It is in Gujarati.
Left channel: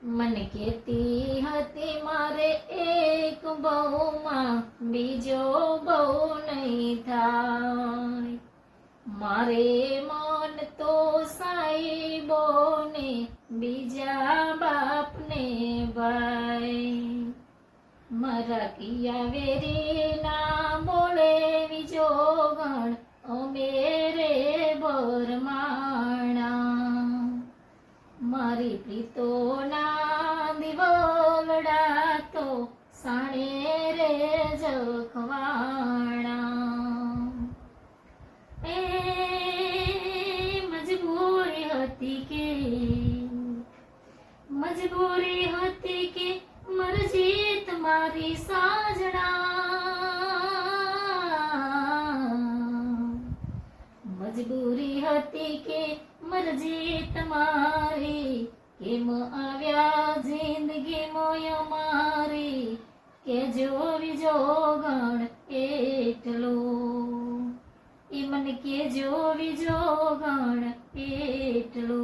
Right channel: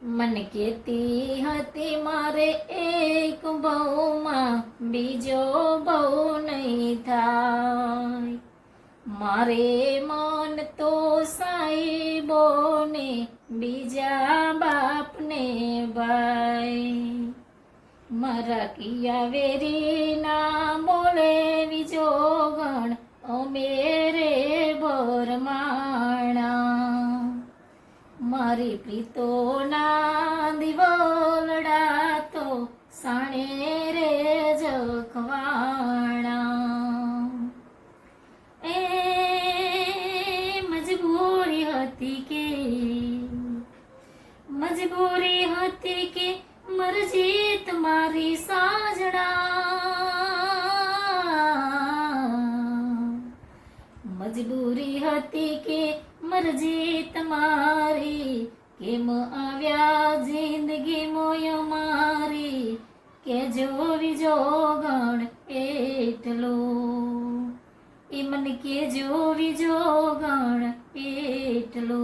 મને કેતી હતી મારે એક બહુમાં બીજો બહુ નહીં થાય, મારે મન તો સાહેબોને બીજા બાપને ભાઈ, મારા કિયા વેરીના મોળે વિજોગણ અમે રે બરમાણા, મારી પ્રીતોના દિવલડા તો સાણે રે જખવાણા, એ મજબૂરી હતી કે મરજી તમારી સાજણા, મજબૂરી હતી કે મરજી તમારી, કેમ આવ્યા જિંદગી મોય મારી, કે જો વિજોગણ એટલો, એ મને કે જો વિજોગણ એટલો.